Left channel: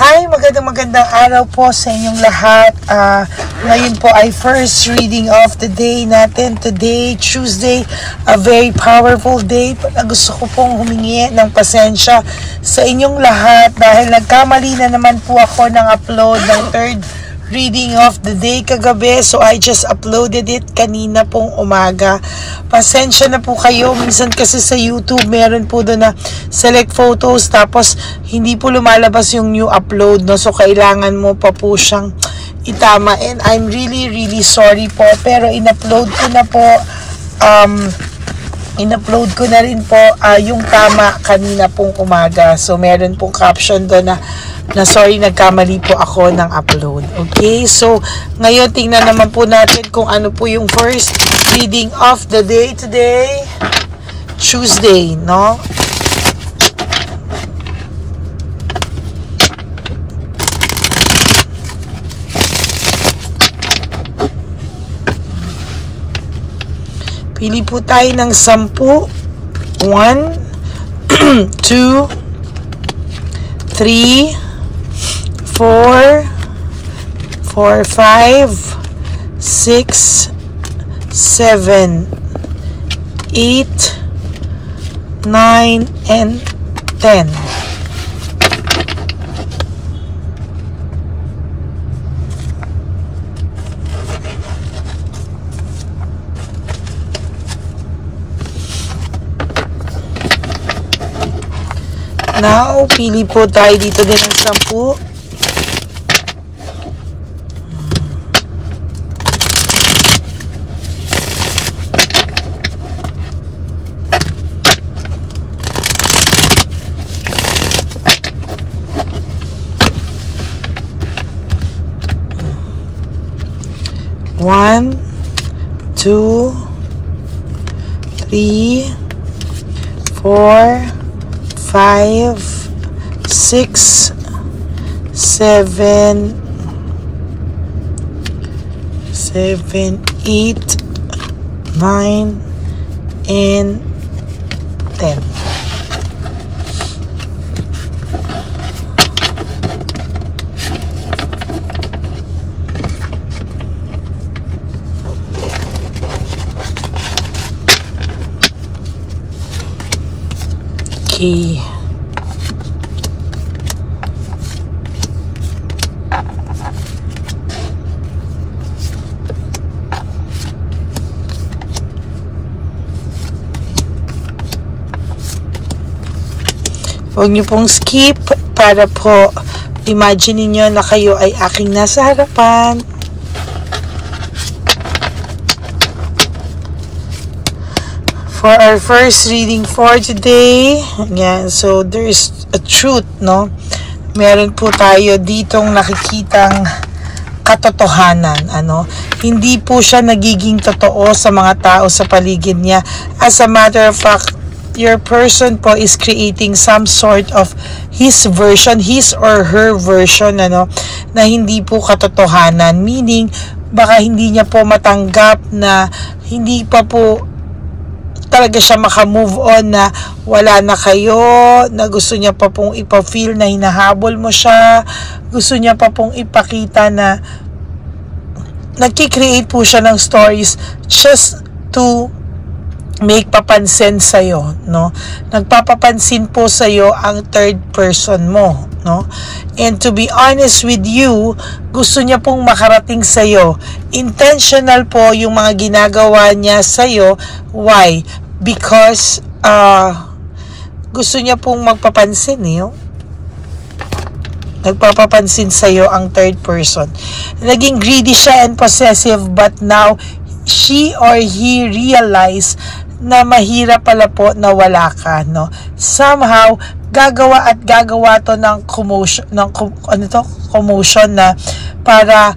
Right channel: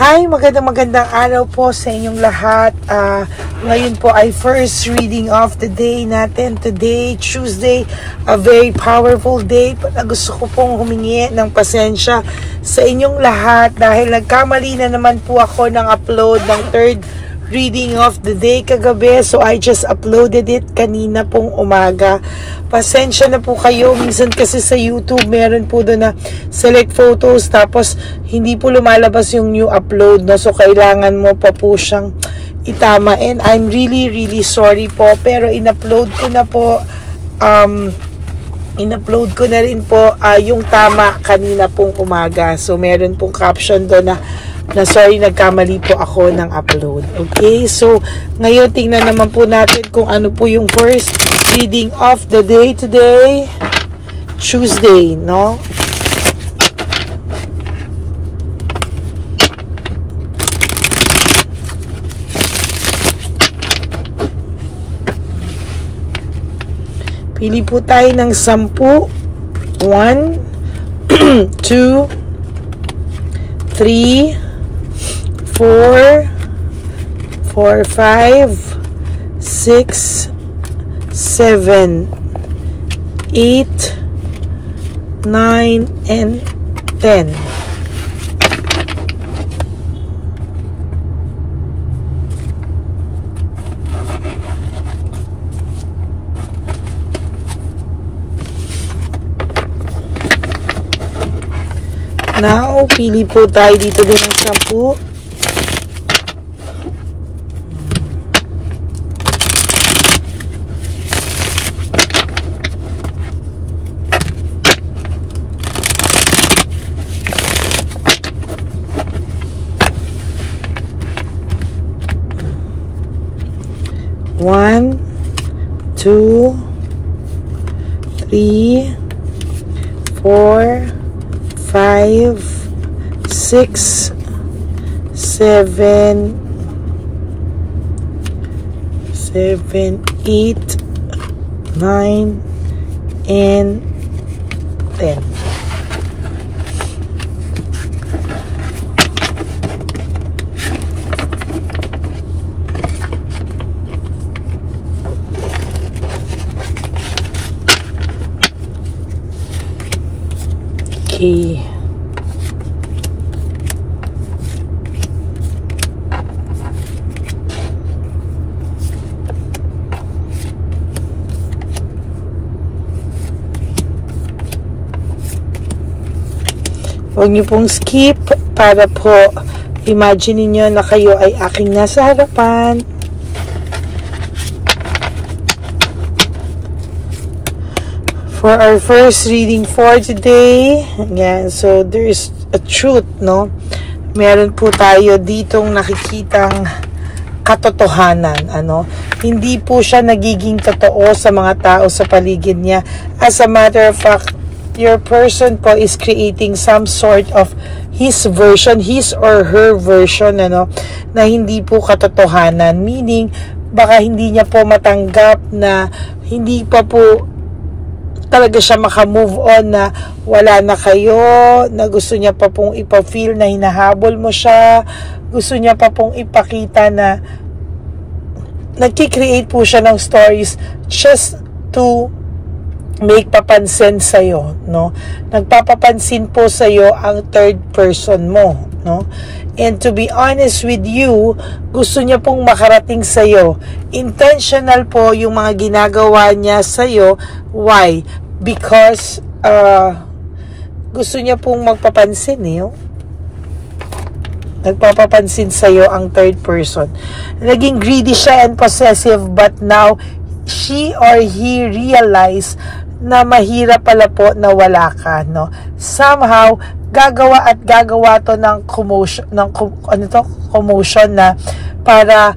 Hi, magandang araw po sa inyong lahat. Ngayon po ay first reading of the day natin. Today, Tuesday, a very powerful day. Gusto ko pong humingi ng pasensya sa inyong lahat dahil nagkamali na naman po ako ng upload ng third reading of the day kagabi. So I just uploaded it kanina pong umaga. Pasensya na po kayo. Minsan kasi sa YouTube meron po doon na select photos tapos hindi po lumalabas yung new upload, no? So kailangan mo pa po siyang itama. And I'm really sorry po. Pero in-upload ko na po in-upload ko na rin po yung tama kanina pong umaga. So meron pong caption doon na sorry, nagkamali po ako ng upload. Okay, so ngayon tingnan naman po natin kung ano po yung first reading of the day today, Tuesday, no? Pili po tayo ng 10. 1, 2, 3, 4, 5, 6, 7, 8, 9, and 10. Now, pili po tayo dito din ng 10. One, 2, 3, 4, 5, 6, 7, 8, 9, and 10. Okay. Huwag niyo pong skip para po imagine niyo na kayo ay aking nasa harapan. For our first reading for today, yeah, so there is a truth, no? Meron po tayo ditong nakikitang katotohanan, ano? Hindi po siya nagiging totoo sa mga tao sa paligid niya. As a matter of fact, your person po is creating some sort of his version, his or her version, ano, na hindi po katotohanan. Meaning, baka hindi niya po matanggap na hindi pa po talaga siya maka-move on na wala na kayo, na gusto niya pa pong ipa-feel na hinahabol mo siya, gusto niya pa pong ipakita na nagki-create po siya ng stories just to make papansin sa'yo, no? Nagpapapansin po sa'yo ang third person mo, no? And to be honest with you, gusto niya pong makarating sa'yo. Intentional po yung mga ginagawa niya sa'yo. Why? Because gusto niya pong magpapansin, nagpapapansin sa'yo ang third person. Naging greedy siya and possessive, but now she or he realize na mahirap pala po na wala ka, no? Somehow gagawa to ng commotion, commotion na para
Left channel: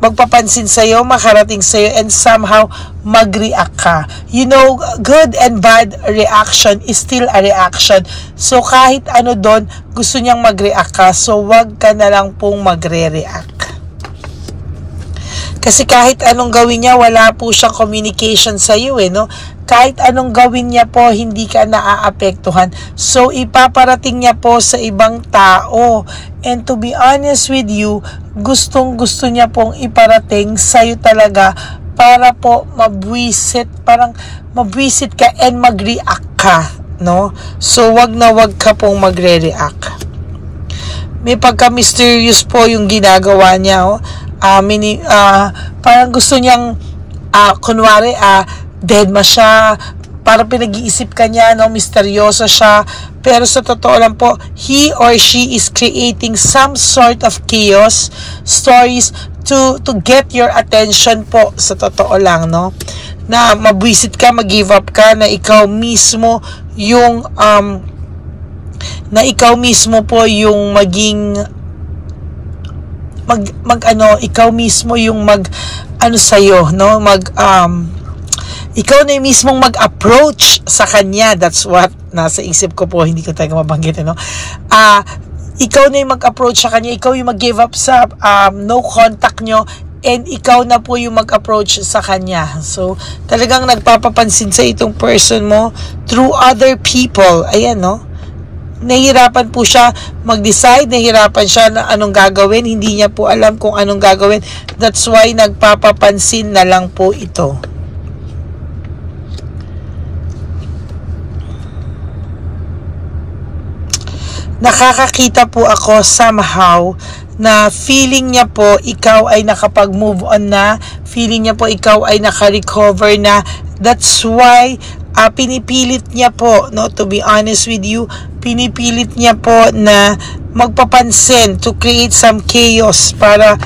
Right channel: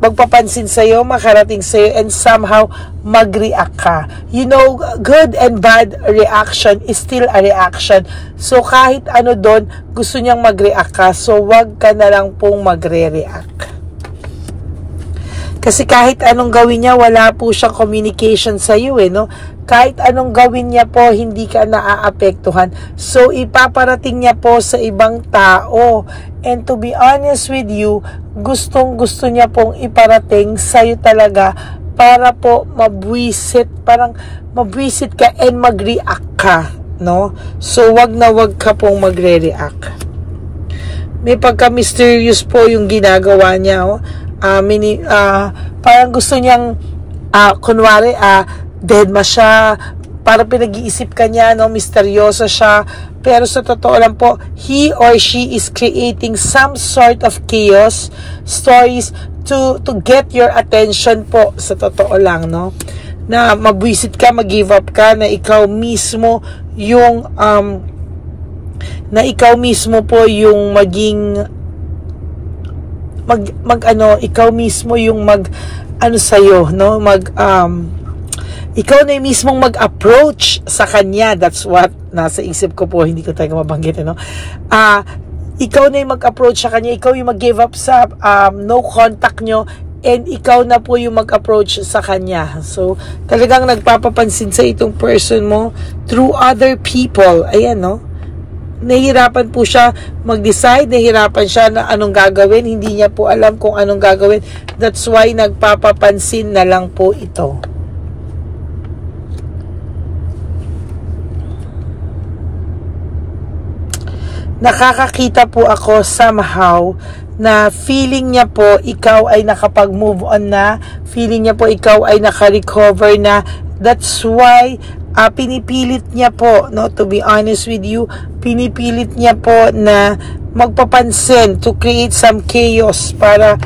magpapansin sa'yo, makarating sa'yo, and somehow mag-react ka. You know, good and bad reaction is still a reaction. So kahit ano doon, gusto niyang mag-react ka. So wag ka na lang pong magre-react. Kasi kahit anong gawin niya, wala po siyang communication sa iyo, no? kahit anong gawin niya po, hindi ka naaapektuhan. So, ipaparating niya po sa ibang tao. And to be honest with you, gustong-gusto niya pong iparating sa'yo talaga para po mabwisit, parang mabwisit ka and mag-react ka, no? So, wag na wag ka pong magre-react. May pagka-mysterious po yung ginagawa niya, oh. Parang gusto niyang, kunwari, dead ma siya, para pinag-iisip ka niya, no, misteryoso siya, pero sa totoo lang po, he or she is creating some sort of chaos stories to get your attention po, sa totoo lang, no, na mabwisit ka, mag-give up ka, na ikaw mismo yung po yung maging ikaw mismo yung sa'yo, no, ikaw na yung mismong mag-approach sa kanya. That's what nasa isip ko po, hindi ko tayo mabanggit, no? Ikaw na yung mag-approach sa kanya, ikaw yung mag-give up sa no contact nyo, and ikaw na po yung mag-approach sa kanya. So, talagang nagpapapansin sa itong person mo through other people. Ayan, no? Nahihirapan po siya mag-decide, nahihirapan siya na anong gagawin, hindi niya po alam kung anong gagawin. That's why nagpapapansin na lang po ito. Nakakakita po ako somehow na feeling niya po ikaw ay nakapag-move on na, feeling niya po ikaw ay naka-recover na. That's why pinipilit niya po, no, to be honest with you, pinipilit niya po na magpapansin, to create some chaos para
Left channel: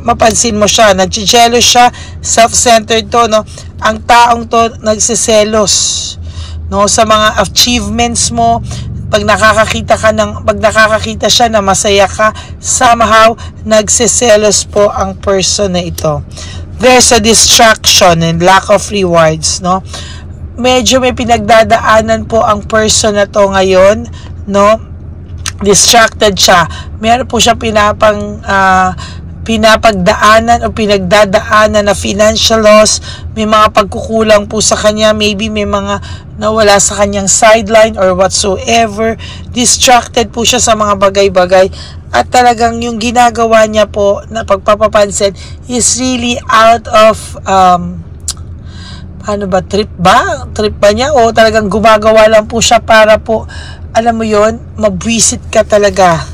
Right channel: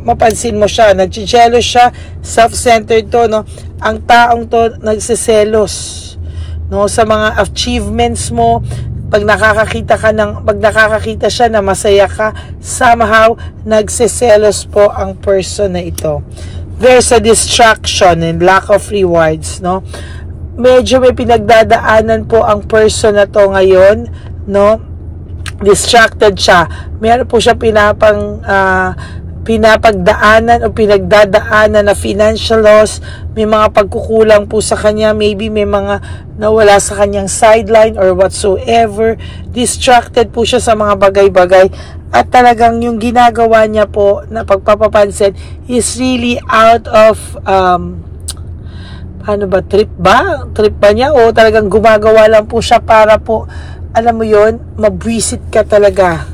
mapansin mo siya. Nagsiselos siya, self-centered to, no. Ang taong to nagsiselos, no, sa mga achievements mo. Pag nakakakita siya na masaya ka, somehow nagsiselos po ang person na ito. There's a distraction and lack of rewards, no? Medyo may pinagdadaanan po ang person na to ngayon, no? Distracted siya. Meron po siya pinapagdaanan o pinagdadaanan na financial loss, may mga pagkukulang po sa kanya, maybe may mga nawala sa kanyang sideline or whatsoever. Distracted po siya sa mga bagay-bagay, at talagang yung ginagawa niya po na pagpapapansin is really out of trip ba niya, o talagang gumagawa lang po siya para po, alam mo yon, mabwisit ka talaga.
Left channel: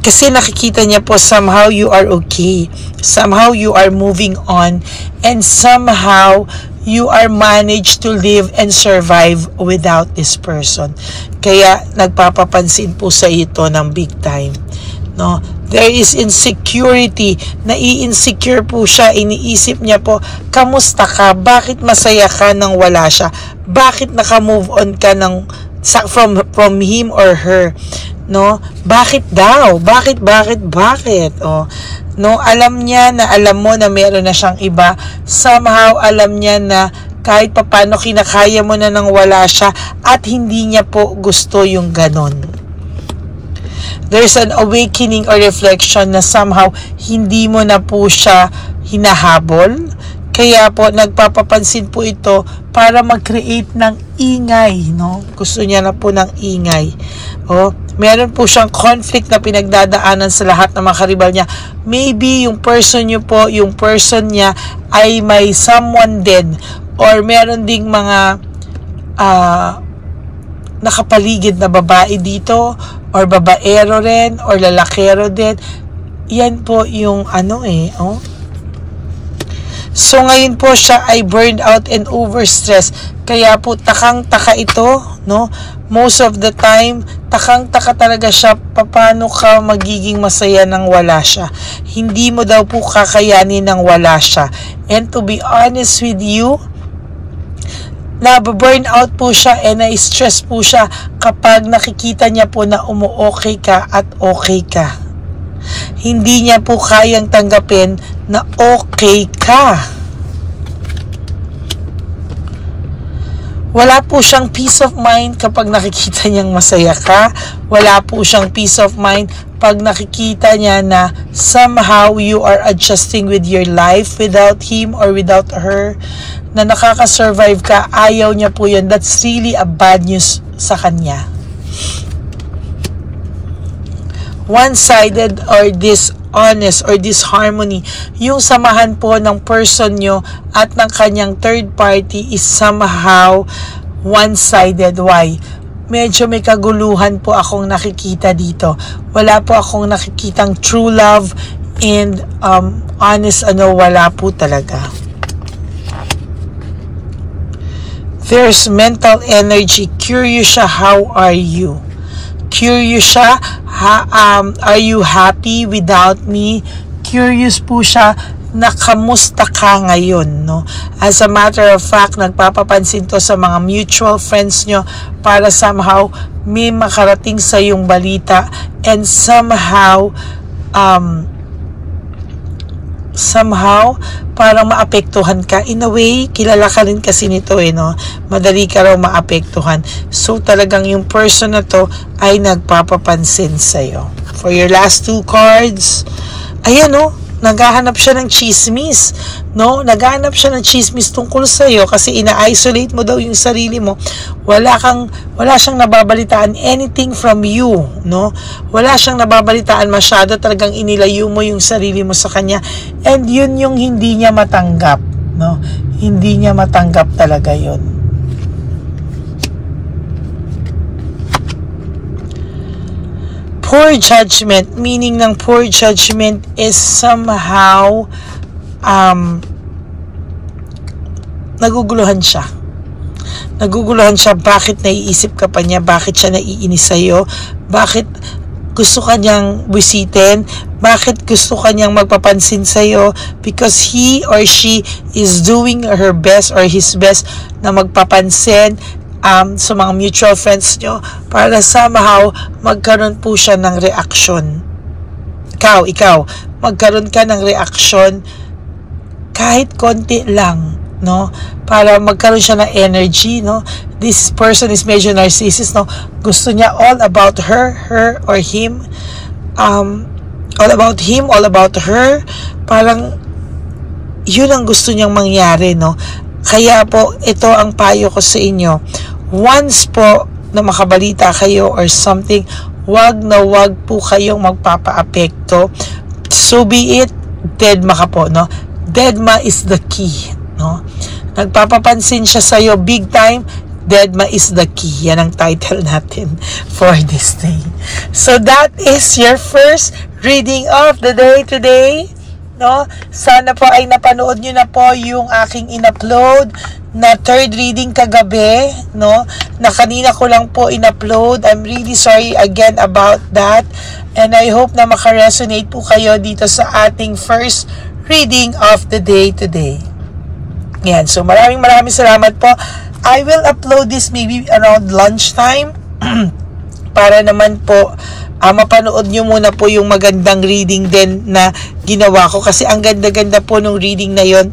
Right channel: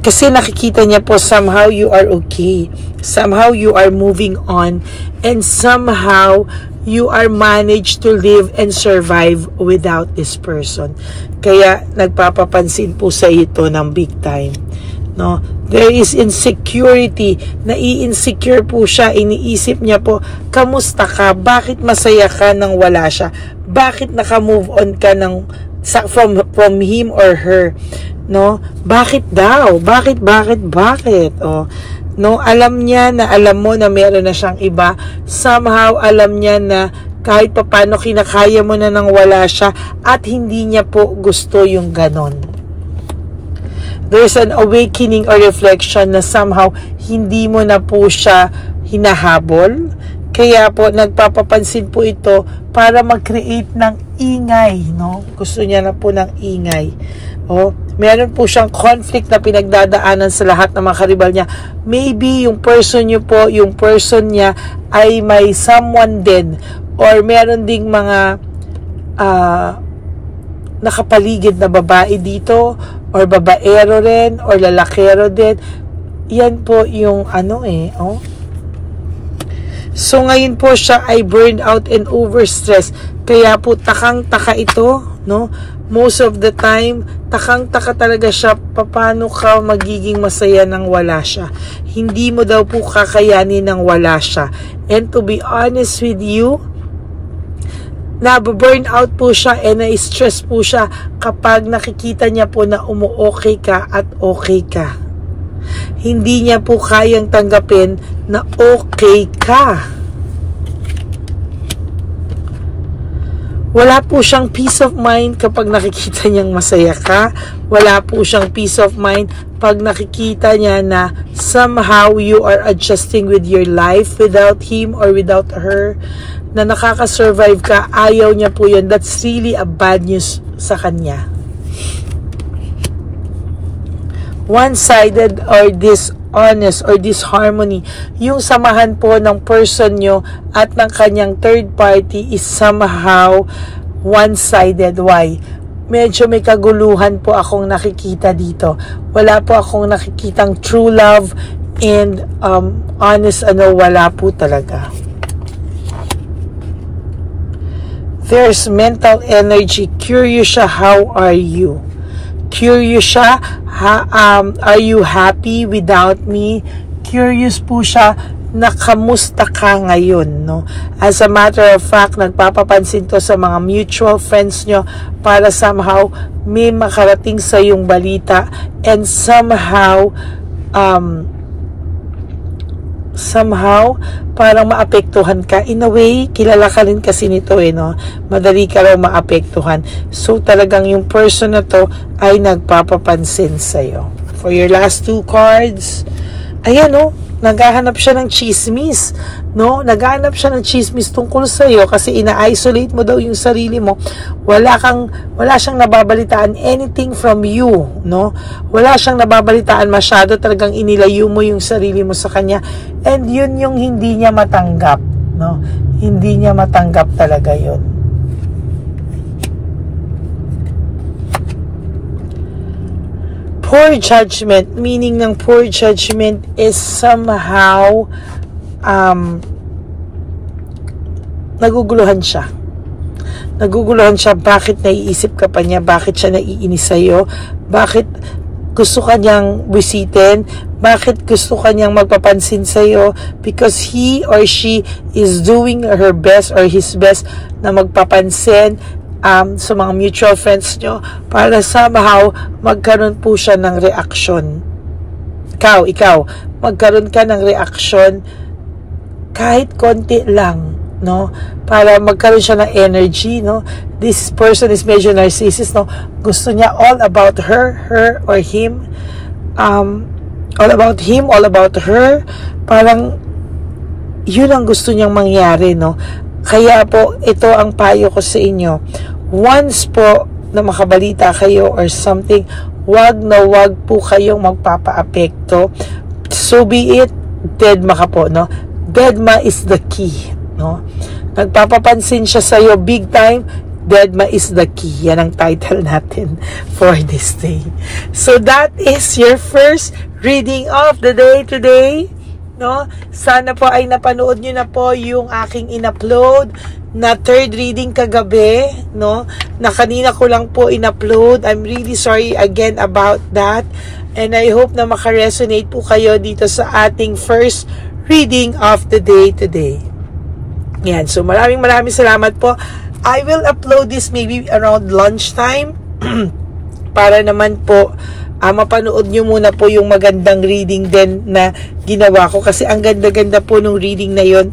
Kasi nakikita niya po somehow you are okay. Somehow you are moving on. And somehow you are managed to live and survive without this person. Kaya nagpapapansin po sa ito ng big time. No? There is insecurity. Nai-insecure po siya. Iniisip niya po, kamusta ka? Bakit masaya ka nang wala siya? Bakit naka-move on ka from him or her? No, bakit daw? Bakit? Oh, no, alam niya na, alam mo na meron na siyang iba. Somehow alam niya na kahit papaano kinakaya mo na nang wala siya, at hindi niya po gusto yung ganon. There's an awakening or reflection na somehow hindi mo na po siya hinahabol. Kaya po nagpapapansin po ito para mag-create ng ingay, no? Gusto niya na po ng ingay. Oh, meron po siyang conflict na pinagdadaanan sa lahat ng mga karibal niya. Maybe yung person niya ay may someone din, or meron ding mga nakapaligid na babae dito, or babaero rin, or lalakero din. Yan po yung oh. So ngayon po siya ay burned out and overstressed. Kaya po takang-taka ito, no? Most of the time, takang-taka talaga siya paano ka magiging masaya nang wala siya. Hindi mo daw po kakayanin nang wala siya. And to be honest with you, na-burn out po siya and na-stress po siya kapag nakikita niya po na umu-okay ka at okay ka. Hindi niya po kayang tanggapin na okay ka. Wala po siyang peace of mind kapag nakikita niyang masaya ka. Wala po siyang peace of mind pag nakikita niya na somehow you are adjusting with your life without him or without her. na nakaka-survive ka, ayaw niya po yun. That's really a bad news sa kanya. One-sided or dishonest or disharmony, yung samahan po ng person nyo at ng kanyang third party is somehow one-sided. Why? Medyo may kaguluhan po akong nakikita dito. Wala po akong nakikitang true love and honest wala po talaga. There's mental energy. Curious siya, how are you? Curious siya, are you happy without me? Curious po siya na kamusta ka ngayon, no? As a matter of fact, nagpapapansin to sa mga mutual friends nyo para somehow may makarating sa yung balita and somehow parang maapektuhan ka. In a way, kilala ka rin kasi nito no? Madali ka raw maapektuhan. So talagang yung person na to ay nagpapapansin sa'yo. For your last 2 cards, ayan naghahanap siya ng chismis, no? Naghahanap siya ng chismis tungkol sa iyo kasi ina-isolate mo daw yung sarili mo. Wala siyang nababalitaan anything from you, no? Wala siyang nababalitaan masyado, talagang inilayo mo yung sarili mo sa kanya. And yun yung hindi niya matanggap, no? Hindi niya matanggap talaga yun. Poor judgment, meaning ng poor judgment is somehow naguguluhan siya. Naguguluhan siya, bakit naiisip ka pa niya, bakit siya naiinis sa'yo, bakit gusto ka niyang bisitin, bakit gusto ka niyang magpapansin sa'yo, because he or she is doing her best or his best na magpapansin sa mga mutual friends nyo para somehow magkaroon po siya ng reaksyon. Ikaw, magkaroon ka ng reaksyon kahit konti lang, no? Para magkaroon siya ng energy, no? This person is medyo narcissist, no? Gusto niya all about her or him. All about him, all about her. Parang yun ang gusto niyang mangyari, no? Kaya po, ito ang payo ko sa inyo. Once po na makabalita kayo or something, wag po kayong magpapaapekto. So be it, deadma ka po, no? Deadma is the key, no? Nagpapapansin siya sa'yo big time, deadma is the key. Yan ang title natin for this day. So that is your first reading of the day today, no? Sana po ay napanood nyo na po yung aking in-upload na third reading kagabi, no? Na kanina ko lang po in-upload. I'm really sorry again about that. And I hope na makaresonate po kayo dito sa ating first reading of the day today. Yan. So maraming salamat po. I will upload this maybe around lunchtime para naman po mapanood nyo muna po yung magandang reading din na ginawa ko kasi ang ganda-ganda po nung reading na yon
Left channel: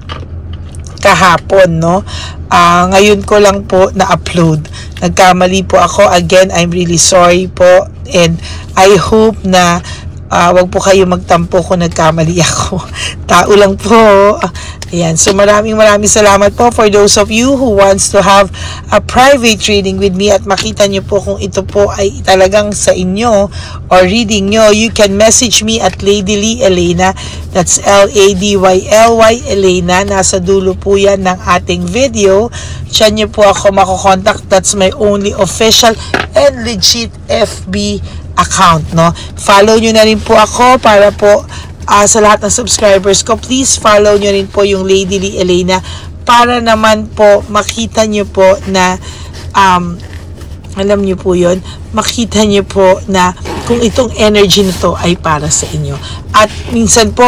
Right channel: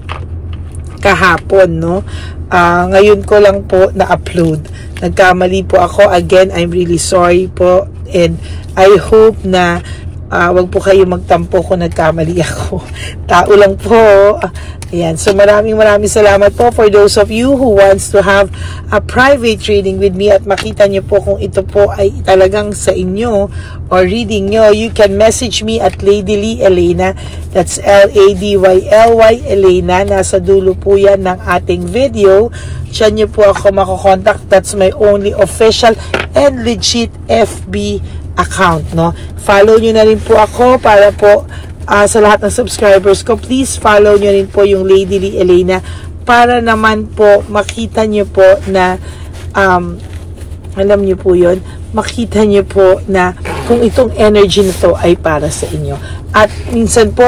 kahapon, no? Ngayon ko lang po na-upload. Nagkamali po ako. Again, I'm really sorry po. And I hope na wag po kayo magtampo kung nagkamali ako. Tao lang po. Ayan. So maraming salamat po for those of you who wants to have a private reading with me at makita nyo po kung ito po ay talagang sa inyo or reading nyo. You can message me at Lady Lee Elena. That's LADYLY Elena. Nasa dulo po yan ng ating video. Diyan nyo po ako makokontakt. That's my only official and legit FB account, no? Follow nyo na rin po ako para po sa lahat ng subscribers ko. Please follow nyo rin po yung Lady Lee Elena para naman po makita nyo po na alam nyo po yun, makita nyo po na kung itong energy nito ay para sa inyo. At minsan po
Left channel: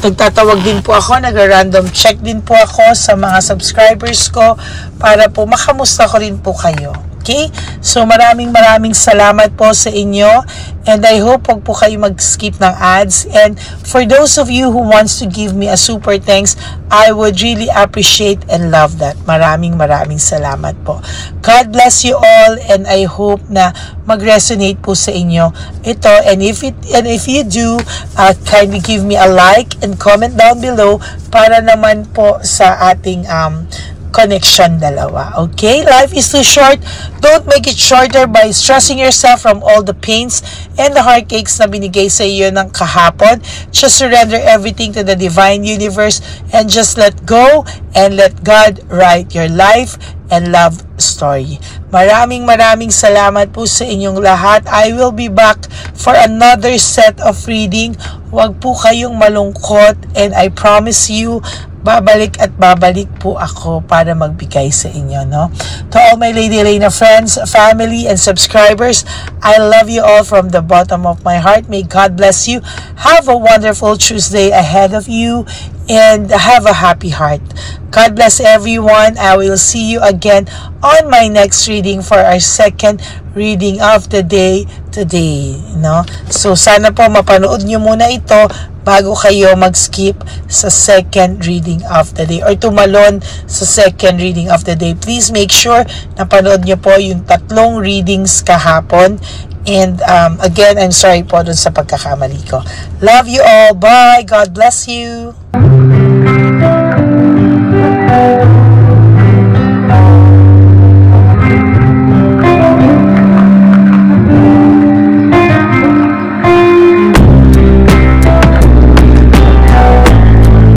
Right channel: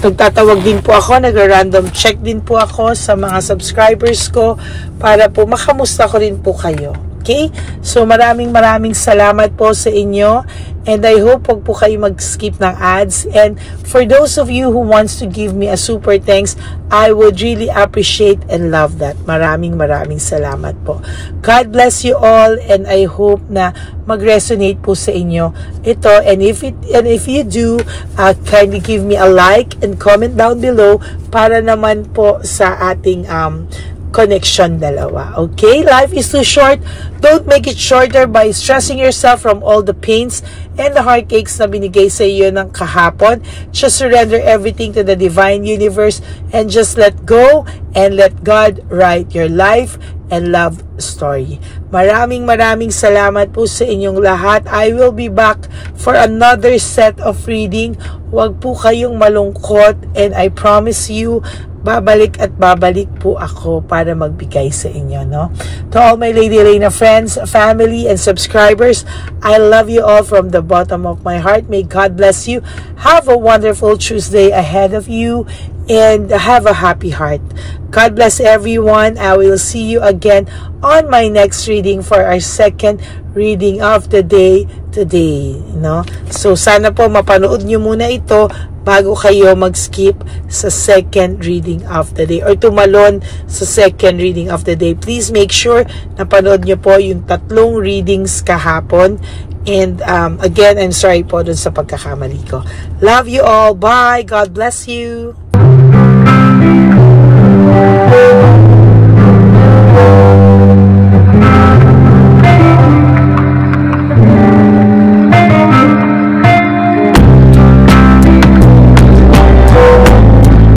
nagtatawag din po ako, nag-random check din po ako sa mga subscribers ko para po makamusta ko rin po kayo. Okay? So maraming salamat po sa inyo. And I hope wag po kayo mag-skip ng ads. And for those of you who wants to give me a super thanks, I would really appreciate and love that. Maraming salamat po. God bless you all, and I hope na mag-resonate po sa inyo ito. And if you do, kindly give me a like and comment down below para naman po sa ating connection dalawa. Okay? Life is too short. Don't make it shorter by stressing yourself from all the pains and the heartaches na binigay sa iyo ng kahapon. Just surrender everything to the divine universe and just let go and let God write your life and love story. Maraming salamat po sa inyong lahat. I will be back for another set of reading. Huwag po kayong malungkot, and I promise you, babalik po ako para magbigay sa inyo, no? To all my Lady Reyna friends, family, and subscribers, I love you all from the bottom of my heart. May God bless you. Have a wonderful Tuesday ahead of you, and have a happy heart. God bless everyone. I will see you again on my next reading for our second reading of the day today, no? So sana po mapanood nyo muna ito bago kayo mag-skip sa second reading of the day or tumalon sa second reading of the day. Please make sure na panood nyo po yung 3 readings kahapon. And again, I'm sorry po dun sa pagkakamali ko. Love you all. Bye. God bless you.